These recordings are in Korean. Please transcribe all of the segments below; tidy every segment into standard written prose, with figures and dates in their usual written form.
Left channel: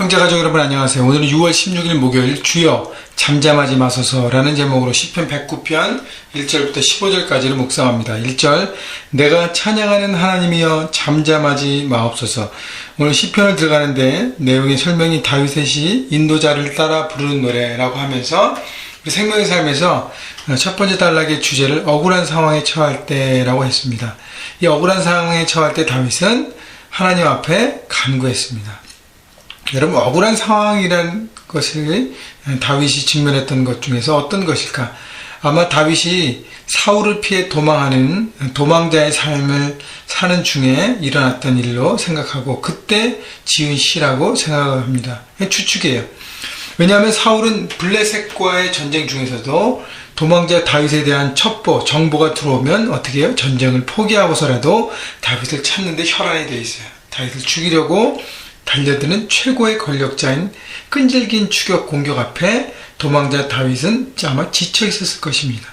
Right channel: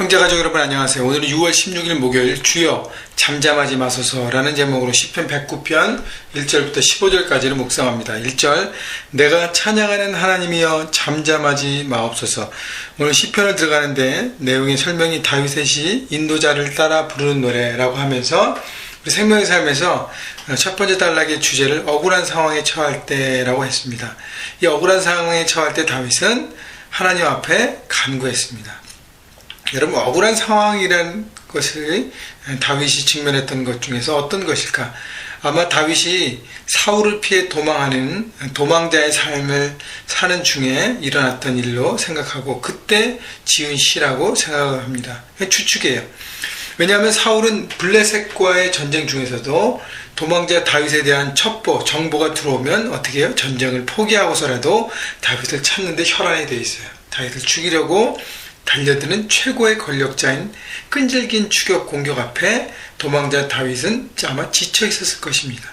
형제가족 여러분 안녕하세요. 오늘은 6월 16일 목요일 주여 잠잠하지 마소서라는 제목으로 시편 109편 1절부터 15절까지를 묵상합니다. 1절 내가 찬양하는 하나님이여 잠잠하지 마옵소서. 오늘 시편을 들어가는데 내용의 설명이 다윗의 인도자를 따라 부르는 노래라고 하면서 우리 생명의 삶에서 첫 번째 단락의 주제를 억울한 상황에 처할 때라고 했습니다. 이 억울한 상황에 처할 때 다윗은 하나님 앞에 간구했습니다. 여러분, 억울한 상황이란 것을 다윗이 직면했던 것 중에서 어떤 것일까? 아마 다윗이 사울을 피해 도망하는 도망자의 삶을 사는 중에 일어났던 일로 생각하고 그때 지은 시라고 생각을 합니다. 추측이에요. 왜냐하면 사울은 블레셋과의 전쟁 중에서도 도망자 다윗에 대한 첩보, 정보가 들어오면 어떻게 해요? 전쟁을 포기하고서라도 다윗을 찾는데 혈안이 되어 있어요. 다윗을 죽이려고 달려드는 최고의 권력자인 끈질긴 추격 공격 앞에 도망자 다윗은 아마 지쳐 있었을 것입니다.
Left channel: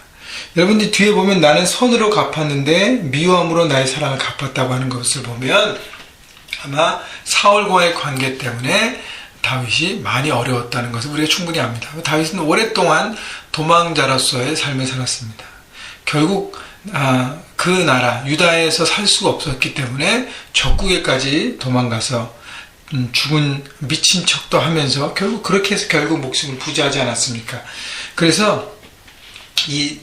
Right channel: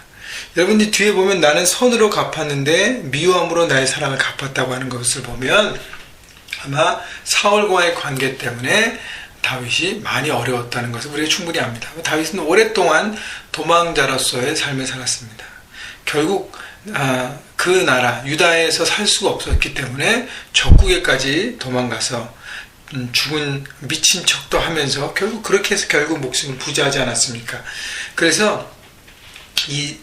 여러분들 뒤에 보면 나는 선으로 갚았는데 미워함으로 나의 사랑을 갚았다고 하는 것을 보면 아마 사울과의 관계 때문에 다윗이 많이 어려웠다는 것을 우리가 충분히 압니다. 다윗은 오랫동안 도망자로서의 삶을 살았습니다. 결국 그 나라 유다에서 살 수가 없었기 때문에 적국에까지 도망가서 죽은 미친 척도 하면서 결국 그렇게 해서 결국 목숨을 부지하지 않았습니까? 그래서 이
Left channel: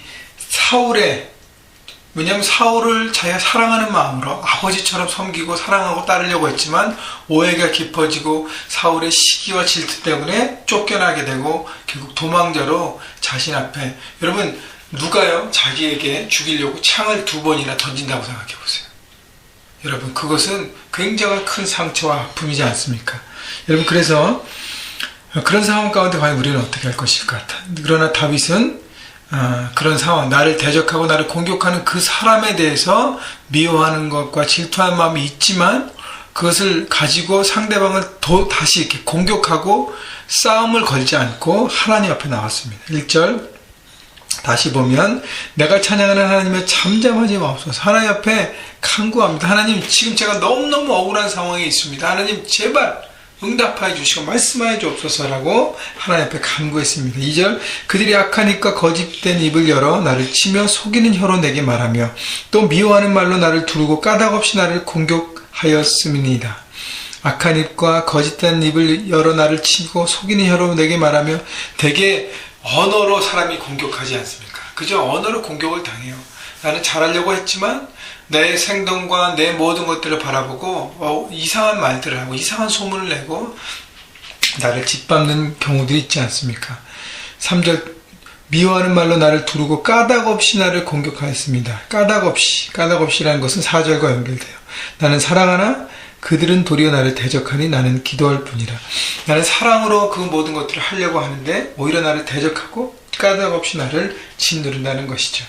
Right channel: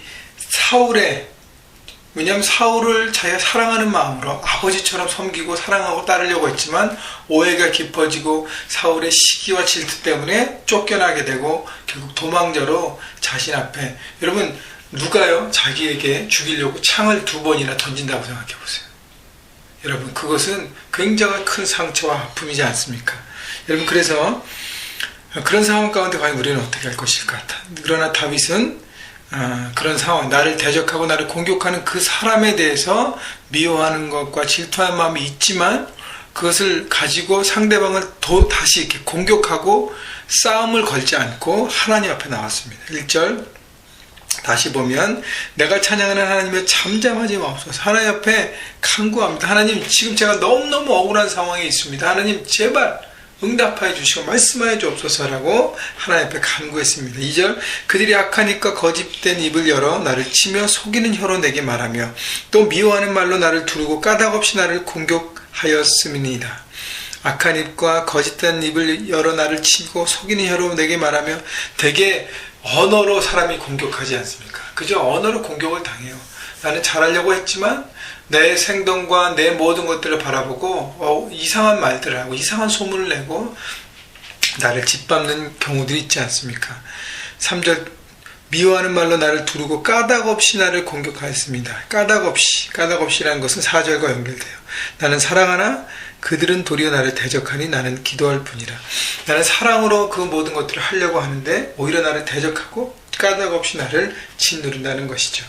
왜냐하면 사울을 자기가 사랑하는 마음으로 아버지처럼 섬기고 사랑하고 따르려고 했지만 오해가 깊어지고 사울의 시기와 질투 때문에 쫓겨나게 되고 결국 도망자로 자신 앞에, 여러분 누가요 자기에게 죽이려고 창을 2번이나 던진다고 생각해 보세요. 여러분, 그것은 굉장한 큰 상처와 아픔이지 않습니까? 여러분, 그래서 그런 상황 가운데 과연 우리는 어떻게 할 것일까? 그러나 다윗은 그런 상황, 나를 대적하고 나를 공격하는 그 사람에 대해서 미워하는 것과 질투하는 마음이 있지만 그것을 가지고 상대방을 다시 이렇게 공격하고 싸움을 걸지 않고 하나님 앞에 나왔습니다. 1절 다시 보면 내가 찬양하는 하나님의 잠잠하지 마옵소서. 하나님 앞에 간구합니다. 하나님, 지금 제가 너무너무 억울한 상황에 있습니다. 하나님 제발 응답하여 주시고 말씀하여 주옵소서라고 하나님 앞에 간구했습니다. 2절 그들이 악한 입과 거짓된 입을 열어 나를 치며 속이는 혀로 내게 말하며 또 미워하는 말로 나를 두르고 까닭없이 나를 공격하였음이니이다. 악한 입과 거짓된 입을 열어 나를 치고 속이는 혀로 내게 말하며 대개 언어로 사람이 공격하지 않습니까? 그저 언어로 공격을 당해요. 나는 잘하려고 했지만 내 행동과 내 모든 것들을 바라보고 이상한 말들을 하고 이상한 소문을 내고 나를 짓밟는 경우들이 있지 않습니까? 3절 미워하는 말로 나를 두르고 까닭없이 나를 공격하였습니다. 까닭없이라는 것은 4절과 연결돼요. 나는 사랑하나 그들은 도리어 나를 대적하니 나는 기도할 뿐이라. 나는 사랑으로 그 모든 것들을 하려고 하는데 오히려 나를 대적하고 까닭없이 나를 짓누른다는 것이죠.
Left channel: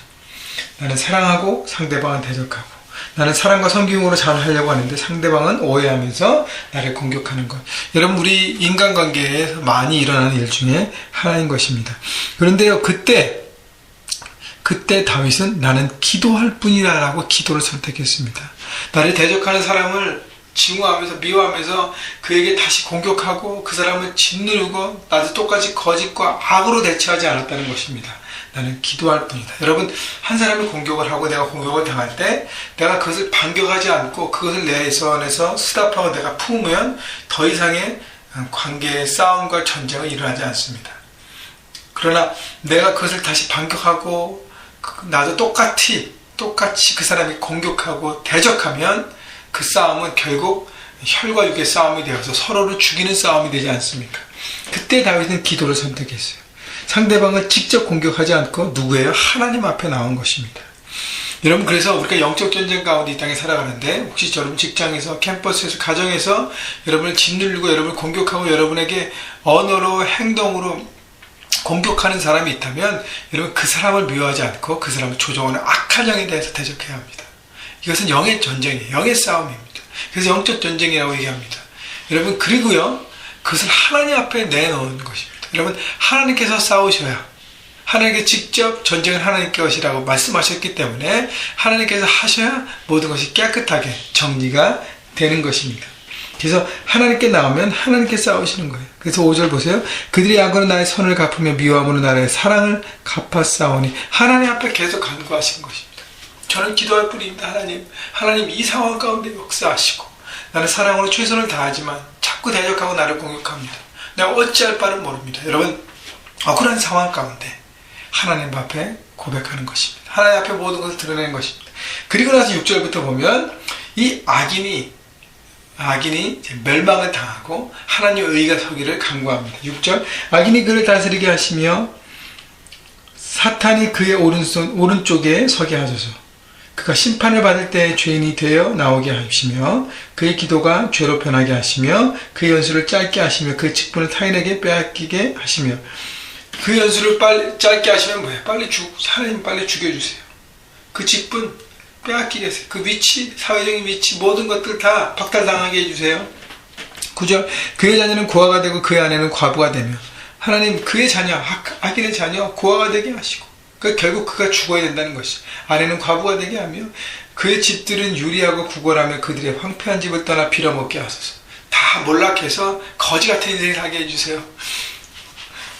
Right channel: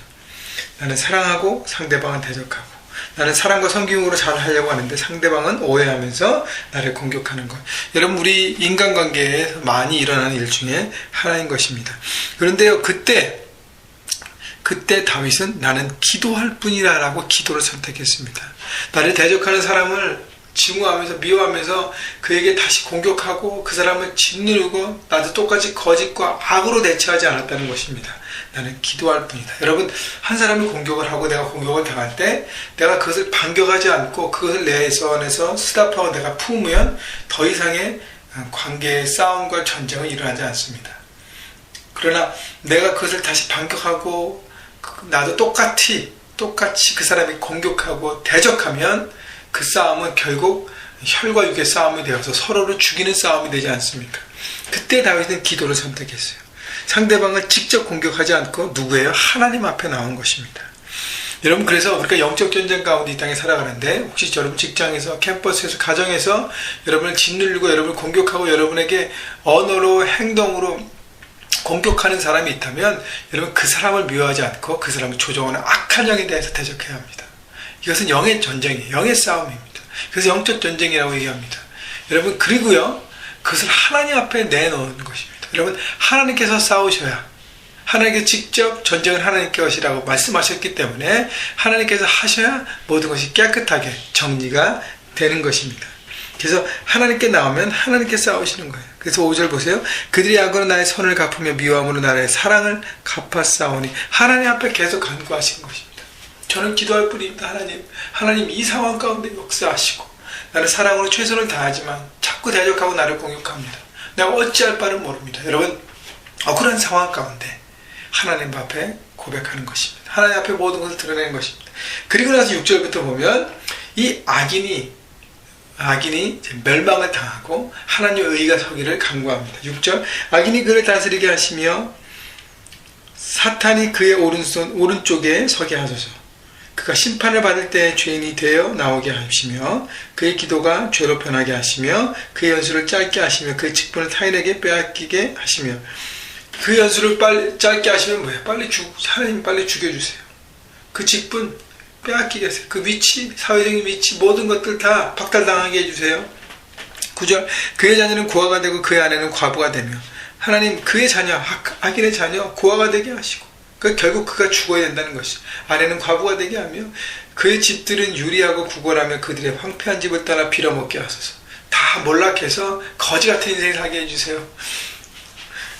나는 사랑하고 상대방은 대적하고, 나는 사랑과 섬김으로 잘 하려고 하는데 상대방은 오해하면서 나를 공격하는 것. 여러분, 우리 인간관계에서 많이 일어나는 일 중에 하나인 것입니다. 그런데요, 그때 다윗은 나는 기도할 뿐이다 라고 기도를 선택했습니다. 나를 대적하는 사람을 증오하면서 미워하면서 그에게 다시 공격하고 그 사람을 짓누르고 나도 똑같이 거짓과 악으로 대처하지 않았다는 것입니다. 나는 기도할 뿐이다. 여러분, 한 사람이 공격을 하고 내가 공격을 당할 때 내가 그것을 반격하지 않고 그것을 내 손에서 스탑하고 내가 품으면 더 이상의 관계의 싸움과 전쟁은 일어나지 않습니다. 그러나 내가 그것을 다시 반격하고 나도 똑같이 그 사람이 공격하고 대적하면 그 싸움은 결국 혈과 육의 싸움이 되어서 서로를 죽이는 싸움이 되지 않습니까? 그때 다윗은 기도를 선택했어요. 상대방을 직접 공격하지 않고 누구예요? 하나님 앞에 나온 것입니다. 여러분, 그래서 우리가 영적 전쟁 가운데 이 땅에 살아가는데 혹시 여러분 직장에서, 캠퍼스에서, 가정에서 여러분을 짓누르고 여러분을 공격하고 여러분에게 언어로, 행동으로 공격하는 사람이 있다면 여러분, 그 사람을 미워하지 않고 그 사람을 조종하는 악한 영에 대해서 대적해야 합니다. 이것은 영의 전쟁이에요. 영의 싸움입니다. 그래서 영적 전쟁이라고 얘기합니다. 여러분, 그리고요, 그것을 하나님 앞에 내놓는 것입니다. 여러분, 하나님께서 싸우셔야, 하나님께 직접 전쟁을 하나님께 하시라고 말씀하셨기 때문에 하나님께서 하셔야 모든 것이 깨끗하게 정리가 되는 것입니다. 그래서 하나님께 나오면 하나님께 싸우시는 거예요. 그래서 5절 보세요. 그들이 악으로 나의 선을 갚으며 미워함으로 나의 사랑을 갚아 싸우니. 하나님 앞에 계속 간구하시는 것입니다. 저는 기도할 뿐입니다. 하나님 이 상황 가운데 역사하시고 나는 사랑으로 최선을 다하지만 자꾸 대적하고 나를 공격합니다. 내가 어찌할 바를 모릅니다. 여러분, 억울한 상황 가운데 하나님 앞에 고백하는 것입니다. 하나님 앞에 모든 것을 드러내는 것입니다. 그리고 나서 6절부터 보면 이 악인이 멸망을 당하고 하나님의 의가 서기를 간구합니다. 6절, 악인이 그를 다스리게 하시며 사탄이 그의 오른쪽에 서게 하소서. 그가 심판을 받을 때 죄인이 되어 나오게 하시며 그의 기도가 죄로 변하게 하시며 그의 연수를 짧게 하시며 그의 직분을 타인에게 빼앗기게 하시며. 그 연수를 빨리 짧게 하시면 뭐예요? 하나님 빨리 죽여주세요. 그 직분 빼앗기게 하세요. 그 위치, 사회적인 위치, 모든 것들 다 박탈당하게 해주세요. 9절, 그의 자녀는 고아가 되고 그의 아내는 과부가 되며. 하나님 그의 자녀, 악인의 자녀 고아가 되게 하시고 결국 그가 죽어야 된다는 것이. 아내는 과부가 되게 하며 그의 집들은 유리하고 구걸하며 그들의 황폐한 집을 떠나 빌어먹게 하소서. 다 몰락해서 거지 같은 인생을 살게 해주세요.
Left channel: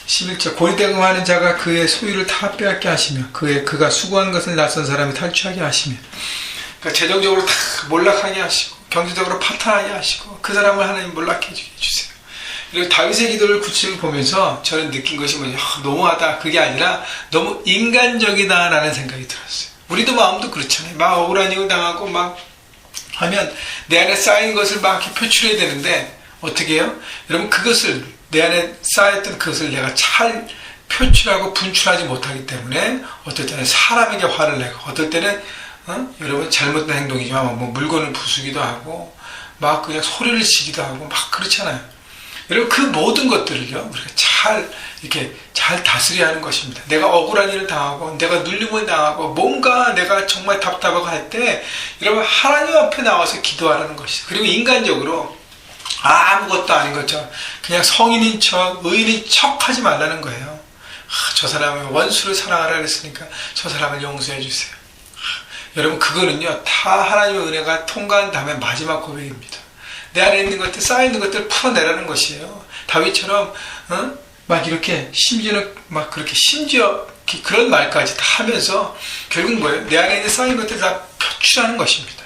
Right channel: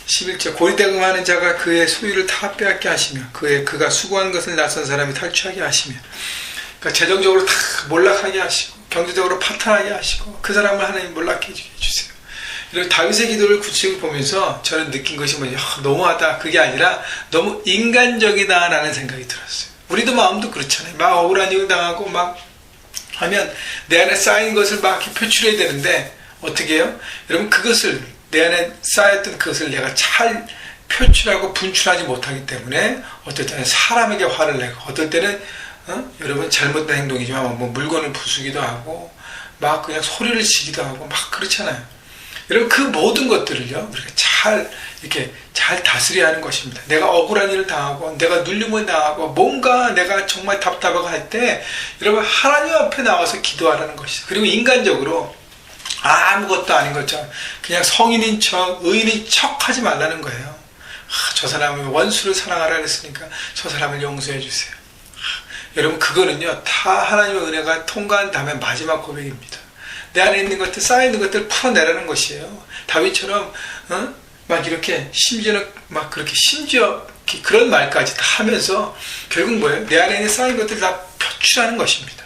11절, 고리대금하는 자가 그의 소유를 다 빼앗게 하시며 그가 수고한 것을 낯선 사람이 탈취하게 하시며. 그러니까 재정적으로 다 몰락하게 하시고 경제적으로 파탄하게 하시고 그 사람을 하나님 몰락해 주세요. 이런 다윗의 기도를 구체적으로 보면서 저는 느낀 것이 뭐냐, 너무하다, 그게 아니라 너무 인간적이다라는 생각이 들었어요. 우리도 마음도 그렇잖아요. 막 억울한 일을 당하고 막 하면 내 안에 쌓인 것을 막 이렇게 표출해야 되는데 어떻게 해요? 여러분, 그것을 내 안에 쌓였던 그것을 내가 잘 표출하고 분출하지 못하기 때문에 어떨 때는 사람에게 화를 내고 어떨 때는 여러분 잘못된 행동이지만 뭐 물건을 부수기도 하고 막 그냥 소리를 지기도 하고 막 그렇잖아요. 여러분, 그 모든 것들을요 우리가 이렇게 잘 다스려야 하는 것입니다. 내가 억울한 일을 당하고 내가 눌림을 당하고 뭔가 내가 정말 답답하고 할 때 여러분 하나님 앞에 나와서 기도하라는 것이죠. 그리고 인간적으로 아무것도 아닌 것처럼 그냥 성인인 척, 의인인 척 하지 말라는 거예요. 저 사람의 원수를 사랑하라 그랬으니까 저 사람을 용서해 주세요. 여러분, 그거는요 다 하나님의 은혜가 통과한 다음에 마지막 고백입니다. 내 안에 있는 것들, 쌓여있는 것들을 풀어내라는 것이에요. 다윗처럼 막 이렇게 심지어 그런 말까지 다 하면서 결국 뭐예요? 내 안에 있는 쌓인 것들을 다 표출하는 것입니다.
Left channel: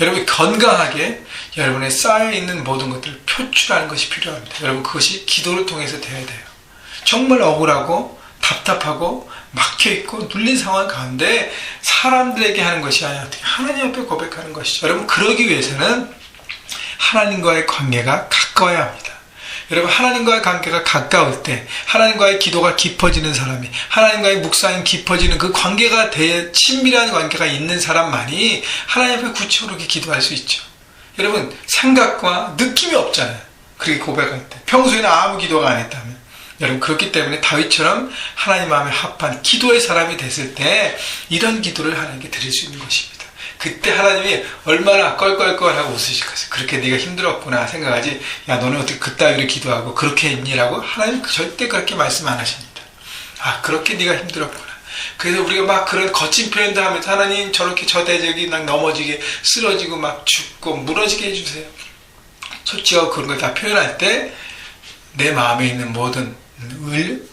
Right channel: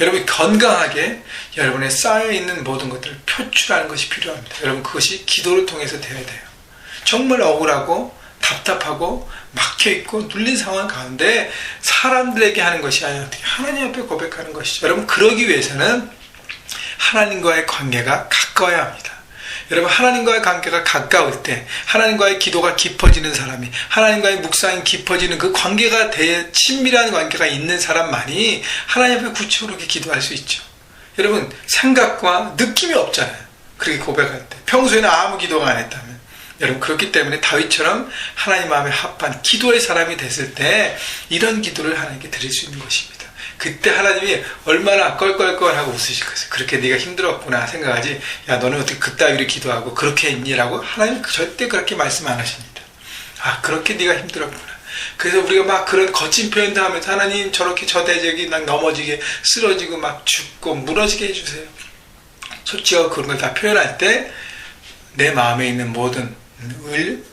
여러분이 건강하게 여러분의 쌓여있는 모든 것들을 표출하는 것이 필요합니다. 여러분, 그것이 기도를 통해서 되어야 돼요. 정말 억울하고 답답하고 막혀있고 눌린 상황 가운데 사람들에게 하는 것이 아니라 하나님 앞에 고백하는 것이죠. 여러분, 그러기 위해서는 하나님과의 관계가 가까워야 합니다. 여러분, 하나님과의 관계가 가까울 때 하나님과의 기도가 깊어지는 사람이, 하나님과의 묵상이 깊어지는 그 관계가 친밀한 관계가 있는 사람만이 하나님 앞에 구체적으로 기도할 수 있죠. 여러분, 생각과 느낌이 없잖아요. 그렇게 고백할 때 평소에는 아무 기도가 안 했다면. 여러분, 그렇기 때문에 다윗처럼 하나님 마음에 합한 기도의 사람이 됐을 때 이런 기도를 하나님께 드릴 수 있는 것입니다. 그때 하나님이 얼마나 껄껄껄하고 웃으실 거예요. 그렇게 네가 힘들었구나 생각하지, 야 너는 어떻게 그따위로 기도하고 그렇게 했니라고 하나님 절대 그렇게 말씀 안 하십니다. 아, 그렇게 네가 힘들었구나. 그래서 우리가 막 그런 거친 표현도 하면서 하나님 저렇게 저 대적이 막 넘어지게 쓰러지고 막 죽고 무너지게 해주세요. 솔직하고 그런 걸 다 표현할 때 내 마음에 있는 모든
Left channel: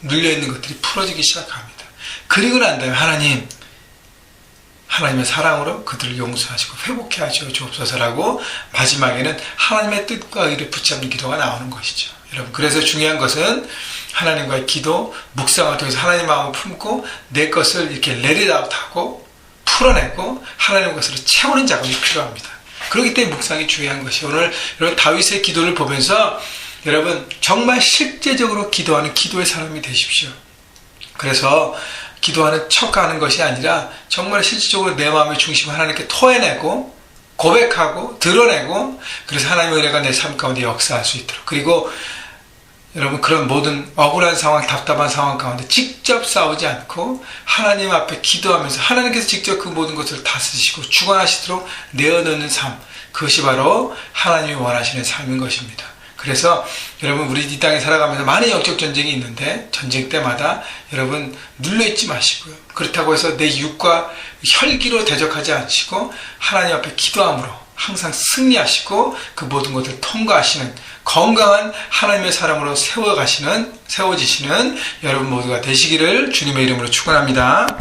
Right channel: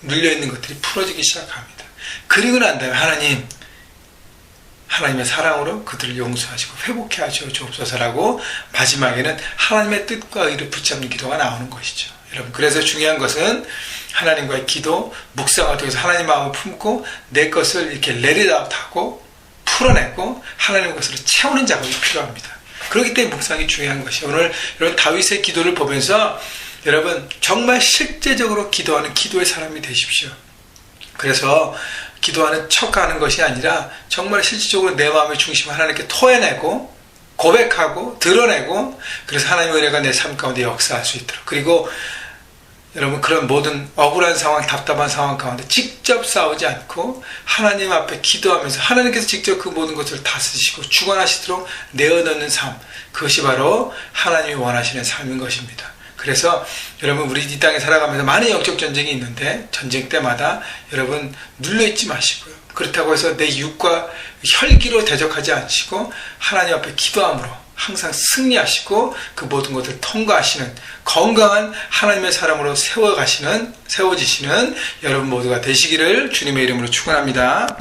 눌려있는 것들이 풀어지기 시작합니다. 그리고 난 다음에 하나님의 사랑으로 그들을 용서하시고 회복해 하시옵소서라고 마지막에는 하나님의 뜻과 의를 붙잡는 기도가 나오는 것이죠. 여러분, 그래서 중요한 것은 하나님과의 기도, 묵상을 통해서 하나님 마음을 품고 내 것을 이렇게 레리아웃하고 풀어내고 하나님의 것으로 채우는 작업이 필요합니다. 그렇기 때문에 묵상이 중요한 것이에요. 오늘 여러분 다윗의 기도를 보면서 여러분 정말 실제적으로 기도하는 기도의 사람이 되십시오. 그래서 기도하는 척하는 것이 아니라 정말 실질적으로 내 마음의 중심 하나님께 토해내고 고백하고 드러내고, 그래서 하나님의 은혜가 내 삶 가운데 역사할 수 있도록, 그리고 여러분 그런 모든 억울한 상황, 답답한 상황 가운데 직접 싸우지 않고 하나님 앞에 기도하면서 하나님께서 직접 그 모든 것을 다스리시고 주관하시도록 내어놓는 삶, 그것이 바로 하나님이 원하시는 삶인 것입니다. 그래서 여러분, 우리 이 땅에 살아가면서 많은 영적 전쟁이 있는데 전쟁 때마다 여러분 눌려있지 마시고요. 그렇다고 해서 내 육과 혈기로 대적하지 않으시고 하나님 앞에 기도함으로 항상 승리하시고 그 모든 것을 통과하시는 건강한 하나님의 사람으로 세워지시는 여러분 모두가 되시기를 주님의 이름으로 축원합니다.